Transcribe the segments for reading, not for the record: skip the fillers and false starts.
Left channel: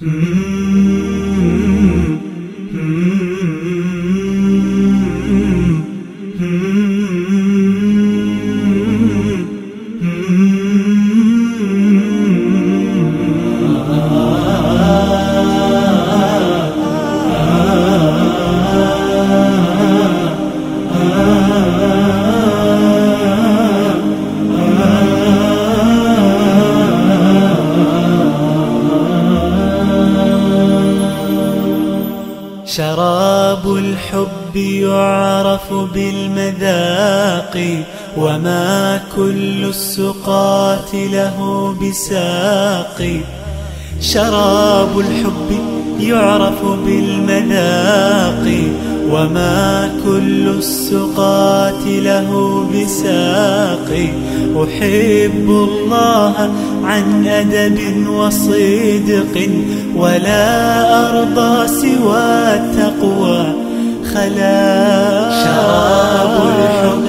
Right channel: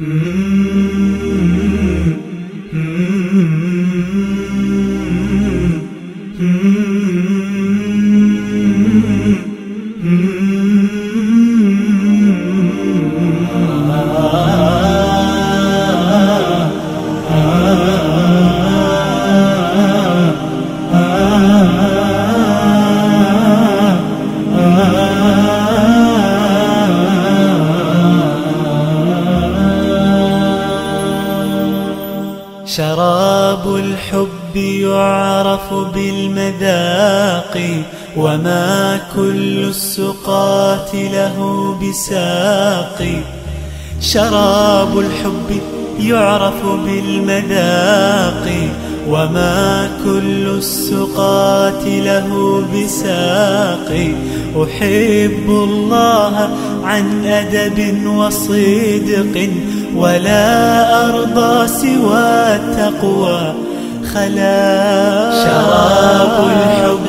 شراب الحب يعرف بالمذاق وما كل السقاة له بساق شراب الحب يعرف بالمذاق وما كل السقاة له بساق أحب الله عن أدب وصدق ولا أرضى سوى التقوى خلاق شراب الحب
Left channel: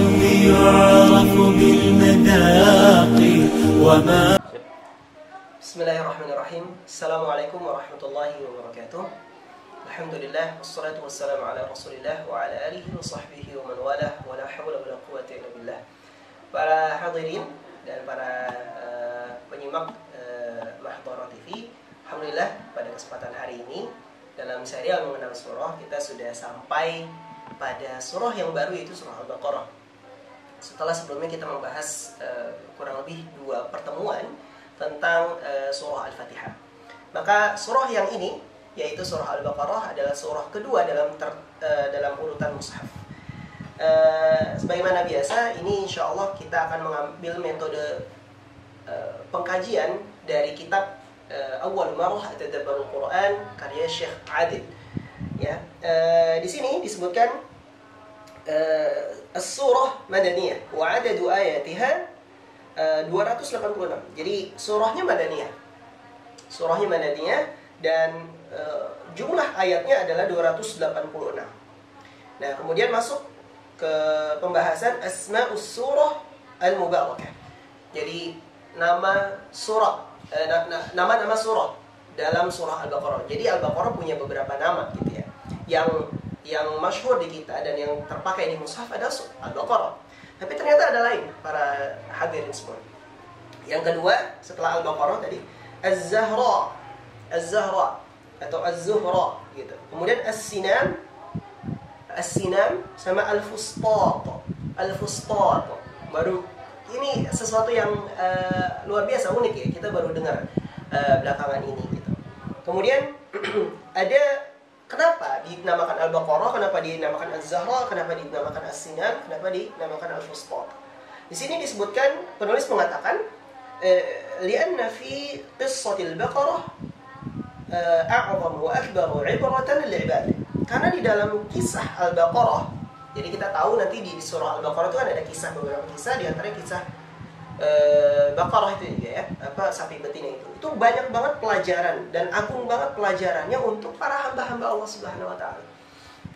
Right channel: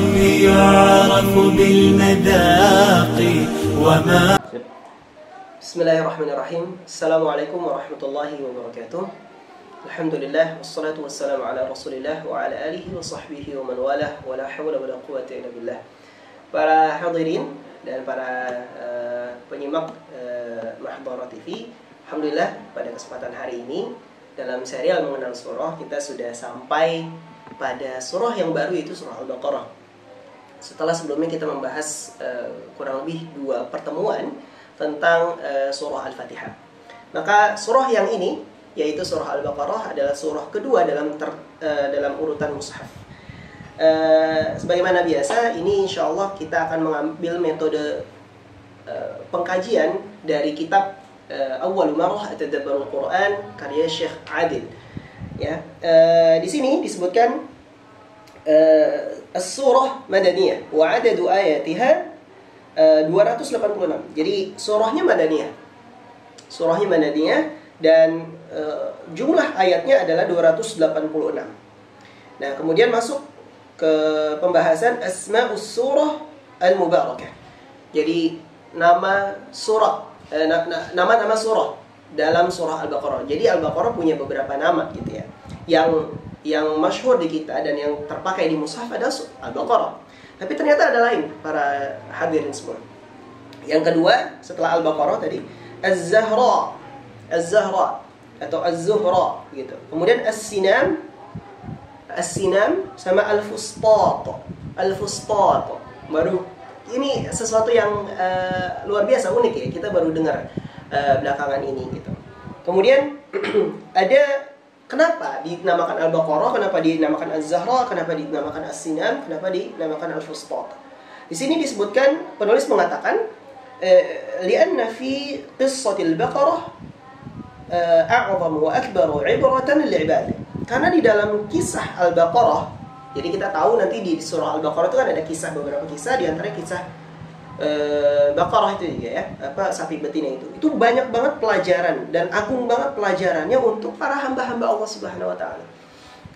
يعرف بالمذاق وما Bismillahirrahmanirrahim. Assalamualaikum warahmatullahi wabarakatuh. Alhamdulillah wassalatu wassalamu ala Rasulillah wa ala alihi wa sahbihi wa man walah wa la hawla wa la quwwata illa billah. Para hadirin dan para penyimak Mahdharah TV, alhamdulillah pada kesempatan hari ini dalam serial mengenal surah kita sudah sampai pada surah yang baru, yaitu surah Al-Baqarah. Setelah sebelumnya kita membahas kurang lebih 2 pertemuan tentang surah Al-Fatihah. Maka surah yang ini, yaitu surah Al-Baqarah, adalah surah kedua dalam urutan mushaf. Sebagaimana biasa, ini insya Allah kita akan mengambil metode pengkajian dari kitab Awwalu Marrah Tadabburul Quran karya Syekh Adil. Ya, di sini disebutkan as-surah madaniyah wa adadu ayatiha 286. Jadi surahnya madaniyah. Surahnya madaniyah dan jumlah ayatnya adalah 286. Nah, kemudian masuk ke pembahasan asma'us surah al-mubarakah. Jadi nama surah, nama-nama surah dalam surah Al-Baqarah. Jadi Al-Baqarah punya beberapa nama gitu ya. Yang masyhur di kita dan yang terpakai di mushaf adalah Al-Baqarah. Tapi ternyata ada lain, para hadirin semua. Yang kedua setelah Al-Baqarah tadi, Az-Zahra atau Az-Zuhra gitu. Kemudian As-Sinam sama Al-Fustat. Baru ini sesuatu yang luar biasa, unik ya. Kita baru dengar belakangan ini gitu. Kemudian ada kenapa dinamakan Al-Baqarah, kenapa dinamakan Az-Zahra, kenapa dinamakan As-Sinam, kenapa dinamakan Al-Fustat. Di sini disebutkan, penulis mengatakan li'anna fi qissatil Baqarah a'zamu wa akbaru 'ibratan lil'ibad. Karena di dalam kisah Al-Baqarah, jadi kita tahu nanti di surah Al-Baqarah itu kan ada beberapa kisah, di antaranya kisah Baqarah itu juga ya, sapi betina itu banyak banget pelajaran dan agung banget pelajarannya untuk para hamba-hamba Allah Subhanahu wa taala.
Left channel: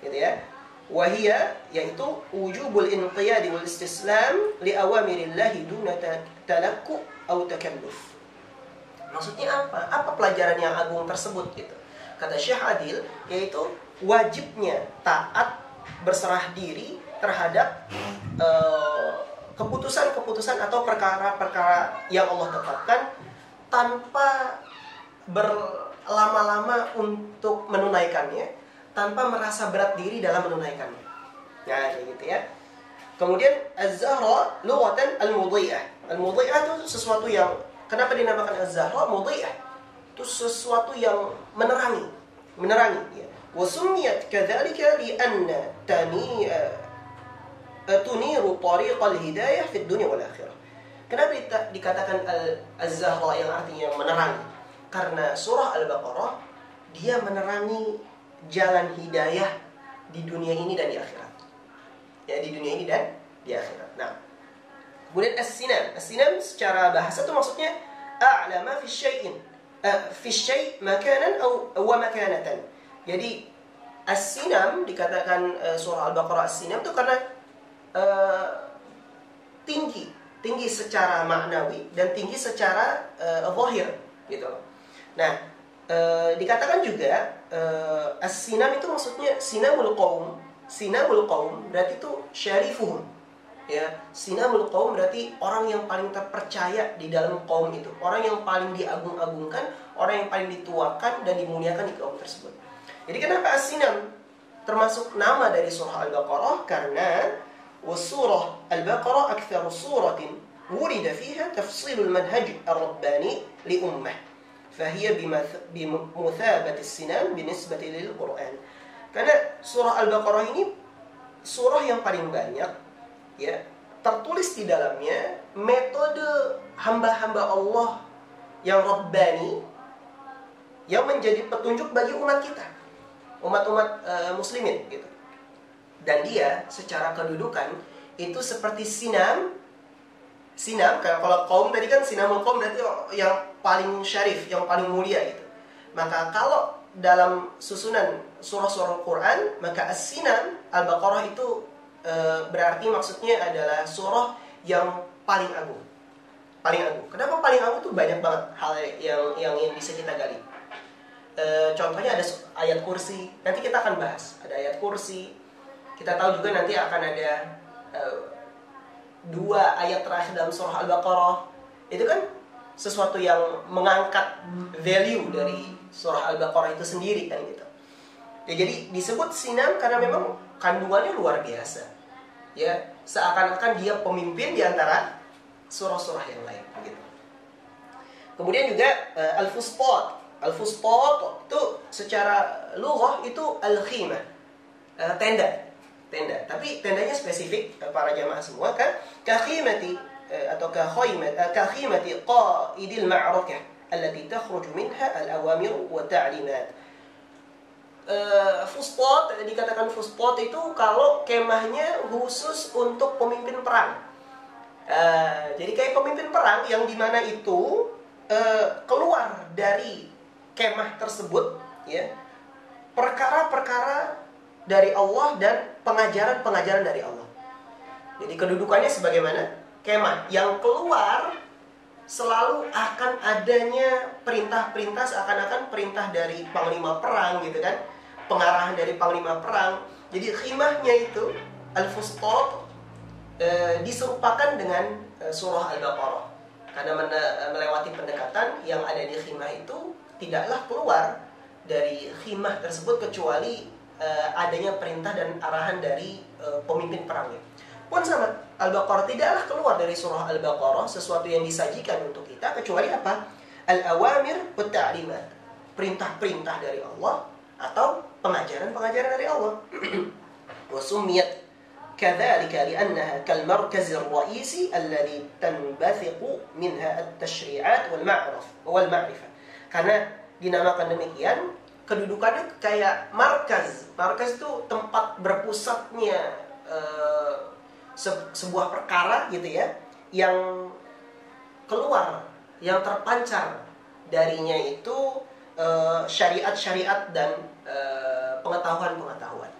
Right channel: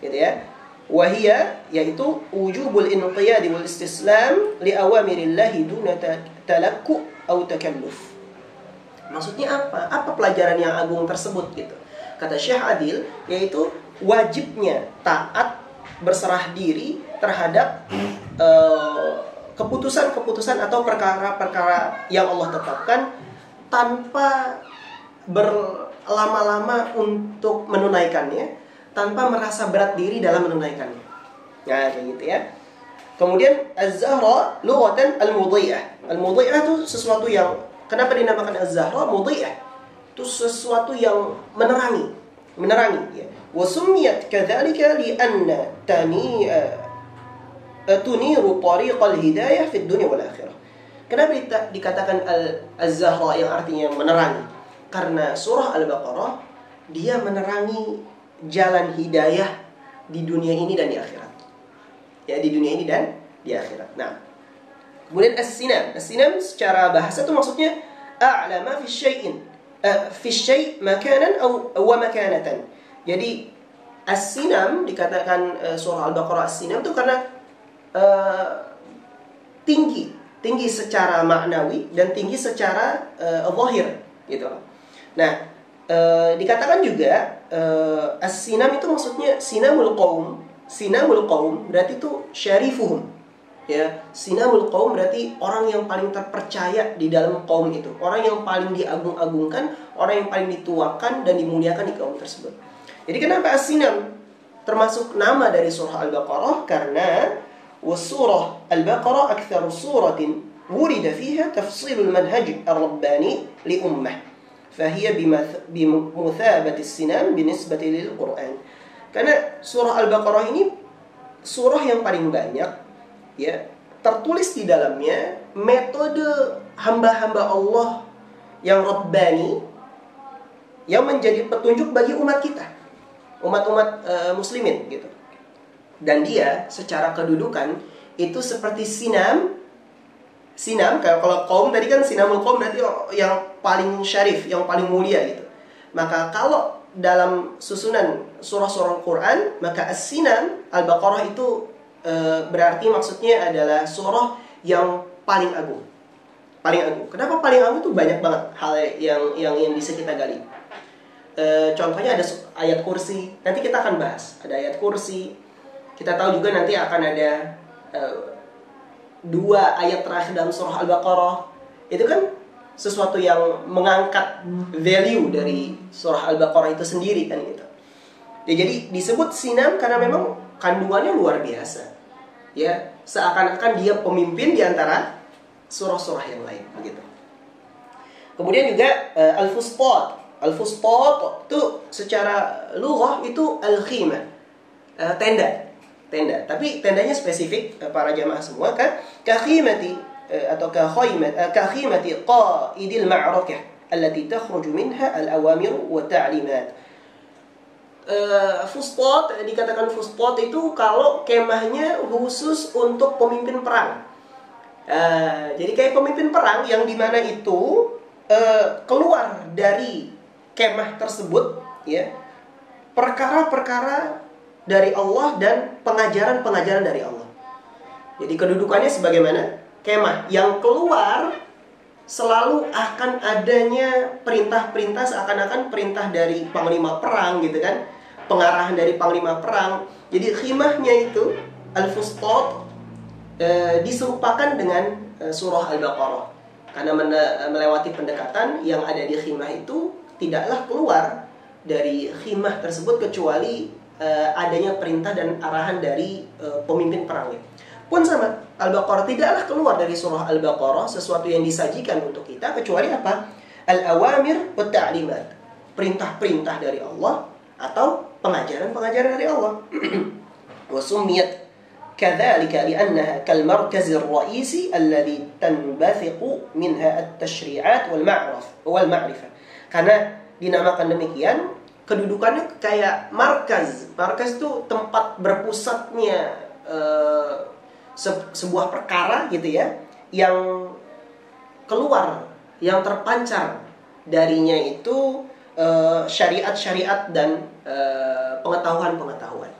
Gitu ya. Wahia, yaitu wujubul inqiyad wal istislam li awamirillahi duna talakku atau takalluf. Maksudnya apa? Apa pelajaran yang agung tersebut gitu? Kata Syekh Adil, yaitu wajibnya taat, berserah diri terhadap keputusan-keputusan atau perkara-perkara yang Allah tetapkan tanpa berlama-lama untuk menunaikannya, tanpa merasa berat diri dalam menunaikannya. Nah, kayak gitu ya. Kemudian Az-Zahra lughatan al-mudhi'ah. Al-mudhi'ah itu sesuatu yang, kenapa dinamakan Az-Zahra? Mudhi'ah itu sesuatu yang menerangi ya. Wa summiyat kadzalika li anna tuniru tariqal hidayah fid dunya wal akhirah. Kenapa dikatakan Az-Zahra yang artinya menerangi? Karena surah Al-Baqarah dia menerangi jalan hidayah di dunia ini dan di akhirat. Ya, di dunia ini dan di akhirat. Nah, kemudian As-Sinam secara bahasa itu maksudnya a'lama fi syai'in, fi syai' makanan wa makanatan. Jadi As-Sinam dikatakan surah Al-Baqarah As-Sinam itu karena tinggi secara maknawi dan tinggi secara zahir gitu. Nah, Dikatakan juga as-sinam itu maksudnya sinamul qaum. Sinamul qaum berarti itu syarifuhum. Ya, sinamul qaum berarti orang yang paling terpercaya di dalam kaum itu, orang yang paling diagung-agungkan, orang yang paling dituakan dan dimuliakan di kaum tersebut. Jadi kenapa as-sinam termasuk nama dari surah Al-Baqarah? Karena surah Al-Baqarah aktsaru suratin wurida fiha tafsilul manhaj ar-rabbani li ummah. فهي بمثابة السنام بالنسبة للقرآن. Karena surah Al-Baqarah ini surah yang paling banyak ya tertulis di dalamnya metode hamba-hamba Allah yang Rabbani yang menjadi petunjuk bagi umat kita, umat-umat muslimin gitu. Dan dia secara kedudukan itu seperti sinam. Kalau kaum tadi kan sinamul kaum berarti yang paling syarif, yang paling mulia gitu. Maka kalau dalam susunan surah-surah Al-Quran, maka as-sinam Al-Baqarah itu berarti maksudnya adalah surah yang paling agung. Paling agung. Kenapa paling agung? Itu banyak banget hal yang bisa kita gali. Contohnya ada ayat kursi. Nanti kita akan bahas. Ada ayat kursi. Kita tahu juga nanti akan ada 2 ayat terakhir dalam surah Al-Baqarah. Itu kan sesuatu yang mengangkat value dari surah Al-Baqarah itu sendiri kan gitu. Ya, jadi disebut sinam karena memang kandungannya luar biasa. Ya, seakan-akan dia pemimpin di antara surah-surah yang lain begitu. Kemudian juga al-fustat. Al-fustat itu secara lughah itu al-khimah. Tenda. Tapi tendanya spesifik para jamaah semua kan kakhimati atau kakhimati qaidil ma'rakah allati takhruju minha al-awamir wa ta'limat. Fustat, dikatakan fustat itu kalau kemahnya khusus untuk pemimpin perang. Jadi kayak pemimpin perang yang dimana itu keluar dari kemah tersebut ya perkara-perkara dari Allah dan pengajaran-pengajaran dari Allah. Jadi kedudukannya sebagaimana kemah yang keluar selalu akan adanya perintah-perintah seakan-akan perintah dari panglima perang gitu kan, pengarahan dari panglima perang. Jadi khimahnya itu al-fustat diserupakan dengan surah Al-Baqarah karena melewati pendekatan yang ada di khimah itu tidaklah keluar dari khimah tersebut kecuali adanya perintah dan arahan dari pemimpin perangnya. Pun sama, Al-Baqarah tidaklah keluar dari surah Al-Baqarah sesuatu yang disajikan untuk kita kecuali apa? Al-awamir wa ta'limat. Perintah-perintah dari Allah atau pengajaran-pengajaran dari Allah. Wa summiyat kadzalika li'annaha kal markaz ar-ra'isi alladhi tanbathiqu minha at-tashri'at wal ma'rifah. Karena dinamakan demikian kedudukannya kayak markaz. Markaz itu tempat berpusatnya sebuah perkara gitu ya, yang keluar, yang terpancar darinya itu syariat-syariat dan pengetahuan-pengetahuan.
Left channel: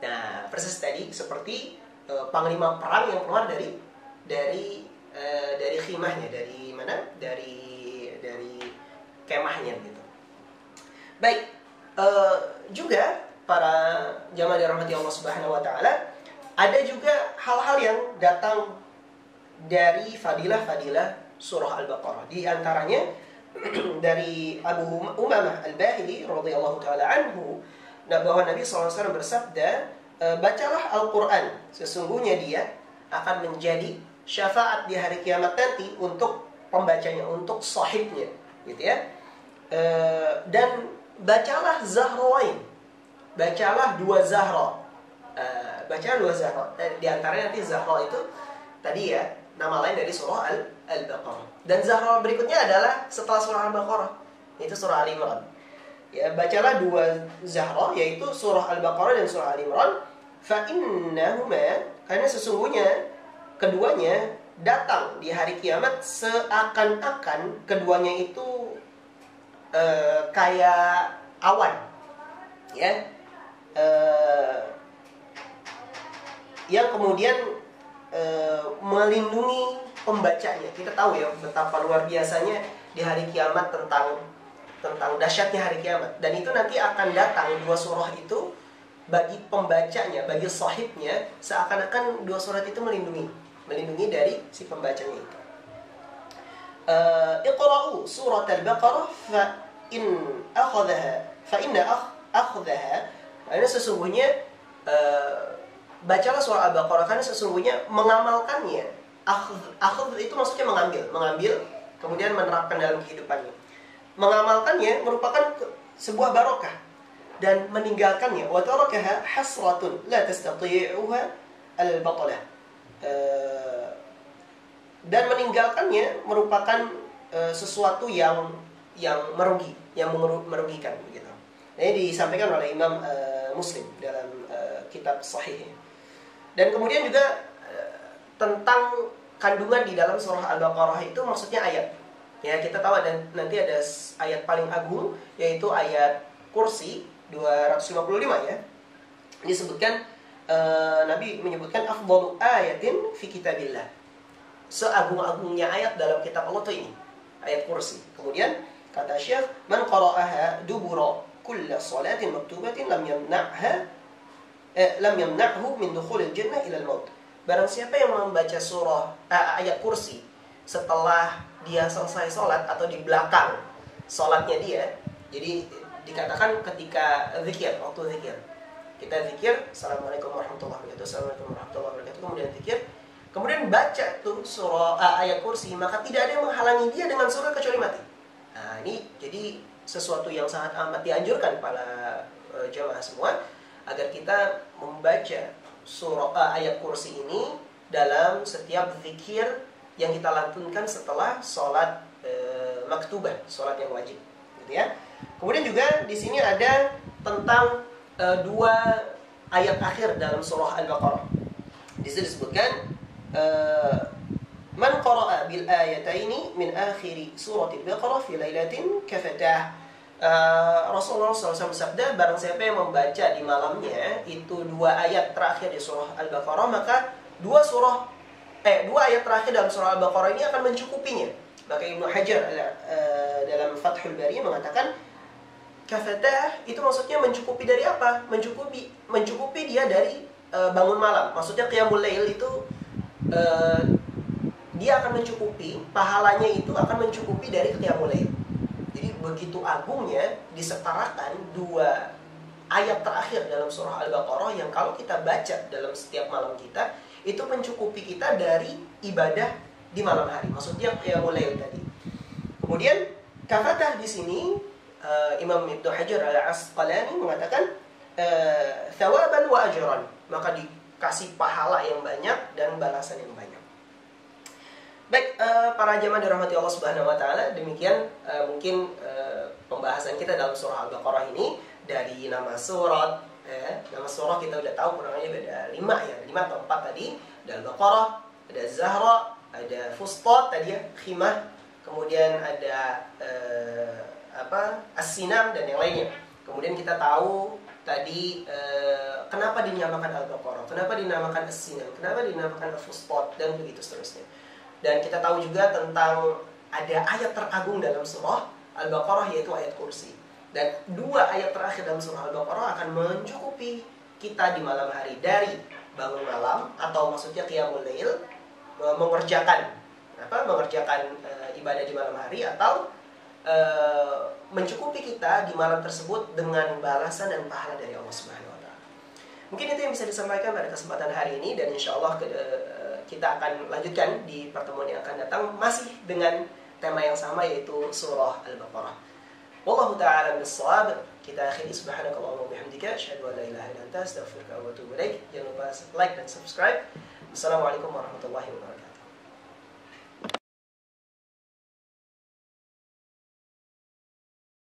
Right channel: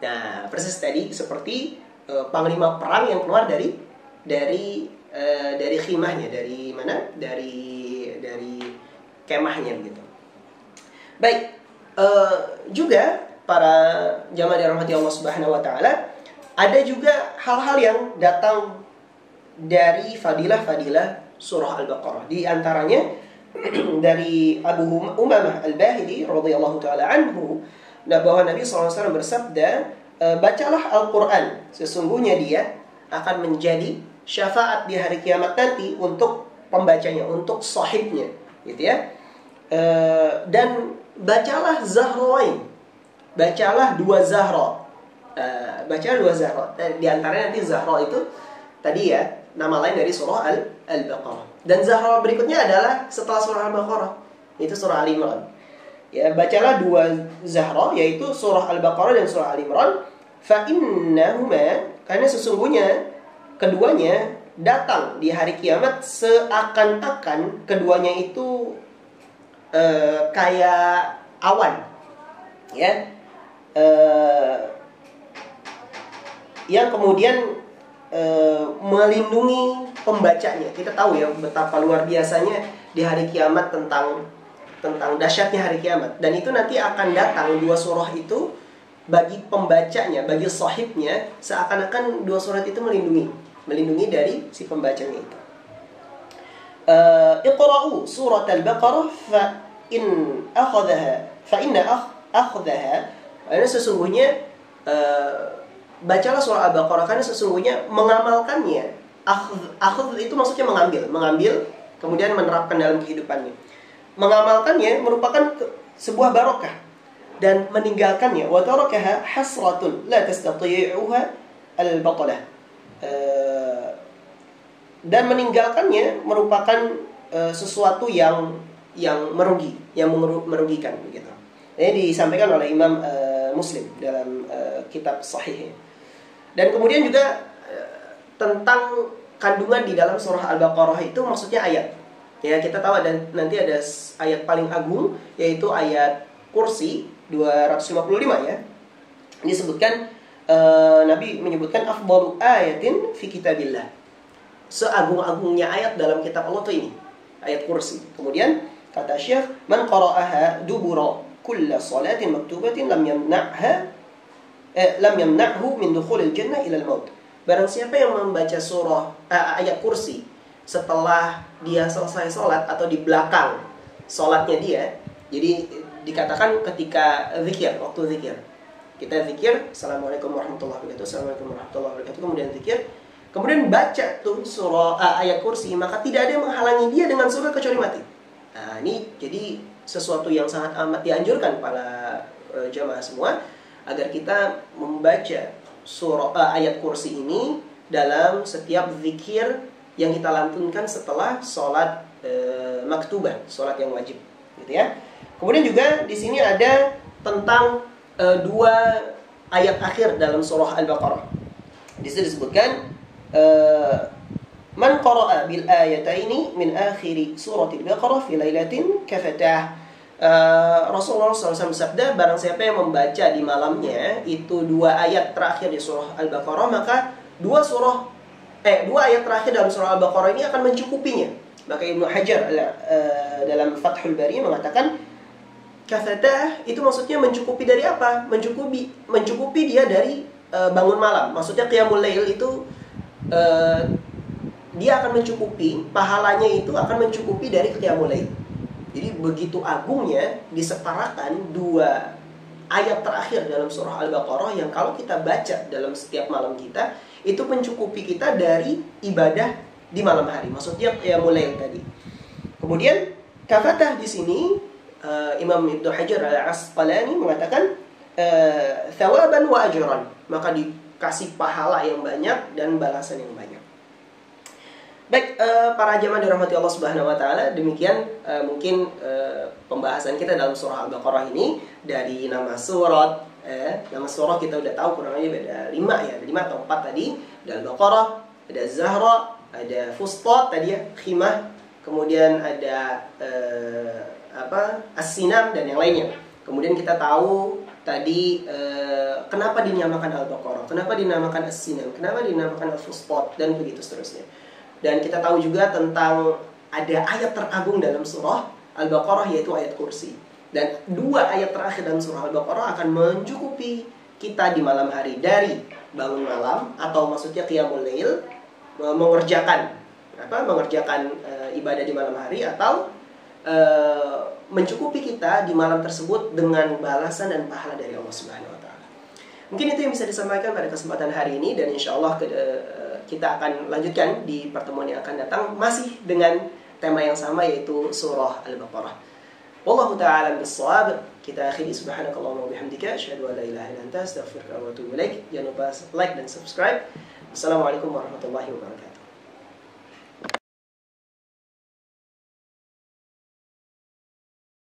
Nah, persis tadi seperti panglima perang yang keluar dari khimahnya, dari mana? Dari kemahnya gitu. Baik. Juga para jamaah dirahmati Allah Subhanahu wa taala, ada juga hal-hal yang datang dari fadilah-fadilah surah Al-Baqarah. Di antaranya dari Abu Umamah Al-Bahili radhiyallahu taala anhu bahwa Nabi SAW bersabda, bacalah Al-Quran, sesungguhnya dia akan menjadi syafaat di hari kiamat nanti untuk pembacanya, untuk sahibnya gitu ya. Dan bacalah Zahrain, bacalah 2 Zahra. Bacalah 2 Zahra. Di antaranya nanti Zahra itu tadi ya, nama lain dari surah Al-Baqarah. Dan Zahra berikutnya adalah setelah surah Al-Baqarah, itu surah Al-Imran. Ya, bacalah 2 Zahra, yaitu surah Al-Baqarah dan surah Al-Imran. Fa innahuma, karena sesungguhnya keduanya datang di hari kiamat seakan-akan keduanya itu kayak awan, ya, yang kemudian melindungi pembacanya. Kita tahu ya betapa luar biasanya di hari kiamat tentang tentang dahsyatnya hari kiamat. Dan itu nanti akan datang dua surah itu bagi pembacanya, bagi sahibnya, seakan-akan dua surat itu melindungi dari si pembacanya itu. Iqra'u surat al-Baqarah fa inna akhadhaha, karena sesungguhnya bacalah surah Al-Baqarah, karena sesungguhnya mengamalkannya, akhadh itu maksudnya mengambil kemudian menerapkan dalam kehidupannya. Mengamalkannya merupakan sebuah barokah, dan meninggalkannya wa tarakaha hasratun la tastati'uha al-batalah, dan meninggalkannya merupakan sesuatu yang merugikan begitu. Ini disampaikan oleh Imam Muslim dalam kitab Sahihnya. Dan kemudian juga tentang kandungan di dalam surah Al-Baqarah itu maksudnya ayat. Ya, kita tahu nanti ada ayat paling agung, yaitu ayat Kursi 255 ya. Disebutkan Nabi menyebutkan afdalu ayatin fi kitabillah. Seagung-agungnya ayat dalam kitab Allah itu ini, ayat Kursi. Kemudian kata Syekh, man qara'aha dubura kulla salatin maktubatin lam yamna'hu min dukhulil jannah ila al-maut. Barang siapa yang membaca surah ayat Kursi setelah dia selesai sholat atau di belakang sholatnya dia, jadi dikatakan ketika zikir, waktu zikir, kita zikir, Assalamualaikum warahmatullahi wabarakatuh, Assalamualaikum warahmatullahi wabarakatuh, kemudian zikir, kemudian baca tuh surah ayat Kursi, maka tidak ada yang menghalangi dia dengan surga kecuali mati. Nah, ini jadi sesuatu yang sangat amat dianjurkan para jamaah semua, agar kita membaca surah ayat Kursi ini dalam setiap zikir yang kita lantunkan setelah sholat maktubah, sholat yang wajib, gitu ya. Kemudian juga di sini ada tentang dua ayat akhir dalam surah Al-Baqarah. Di situ disebutkan man qara'a bil ayataini min akhiri surati Al-Baqarah fi lailatin kafatah. Rasulullah SAW bersabda, barang siapa yang membaca di malamnya itu dua ayat terakhir di surah Al-Baqarah, maka dua ayat terakhir dalam surah Al-Baqarah ini akan mencukupinya. Maka Ibnu Hajar dalam Fathul Bari mengatakan kafatah itu maksudnya mencukupi dari apa? Mencukupi dia dari bangun malam. Maksudnya qiyamul lail itu dia akan mencukupi, pahalanya itu akan mencukupi dari qiyamul lail. Jadi begitu agungnya disetarakan dua ayat terakhir dalam surah Al-Baqarah yang kalau kita baca dalam setiap malam kita, itu mencukupi kita dari ibadah di malam hari. Maksudnya qiyamul lail tadi. Kemudian kafatah di sini Imam Ibnu Hajar Al-Asqalani mengatakan thawaban wa ajran, maka dikasih pahala yang banyak dan balasan yang banyak. Baik, para jamaah dirahmati Allah Subhanahu wa taala, demikian mungkin pembahasan kita dalam surah Al-Baqarah ini. Dari nama surat, nama surah kita udah tahu kurang lebih ada 5 ya, 5 atau 4 tadi. Ada Al-Baqarah, ada Zahra, ada Fustat tadi ya, Khimah, kemudian ada As-Sinam dan yang lainnya. Kemudian kita tahu tadi kenapa dinamakan Al-Baqarah, kenapa dinamakan As-Sinam, kenapa dinamakan Al-Fustat, dan begitu seterusnya. Dan kita tahu juga tentang ada ayat teragung dalam surah Al-Baqarah, yaitu ayat Kursi. Dan dua ayat terakhir dalam surah Al-Baqarah akan mencukupi kita di malam hari, dari bangun malam atau maksudnya qiyamul lail, mengerjakan ibadah di malam hari, atau mencukupi kita di malam tersebut dengan balasan dan pahala dari Allah Subhanahu wa taala. Mungkin itu yang bisa disampaikan pada kesempatan hari ini, dan insyaallah kita akan lanjutkan di pertemuan yang akan datang masih dengan tema yang sama, yaitu surah Al-Baqarah. Wallahu ta'ala bis-shawab. Kita akhiri, subhanakallahumma wa bihamdika asyhadu an la ilaha illa anta astaghfiruka wa atubu ilaik. Jangan lupa like dan subscribe. Assalamualaikum warahmatullahi wabarakatuh.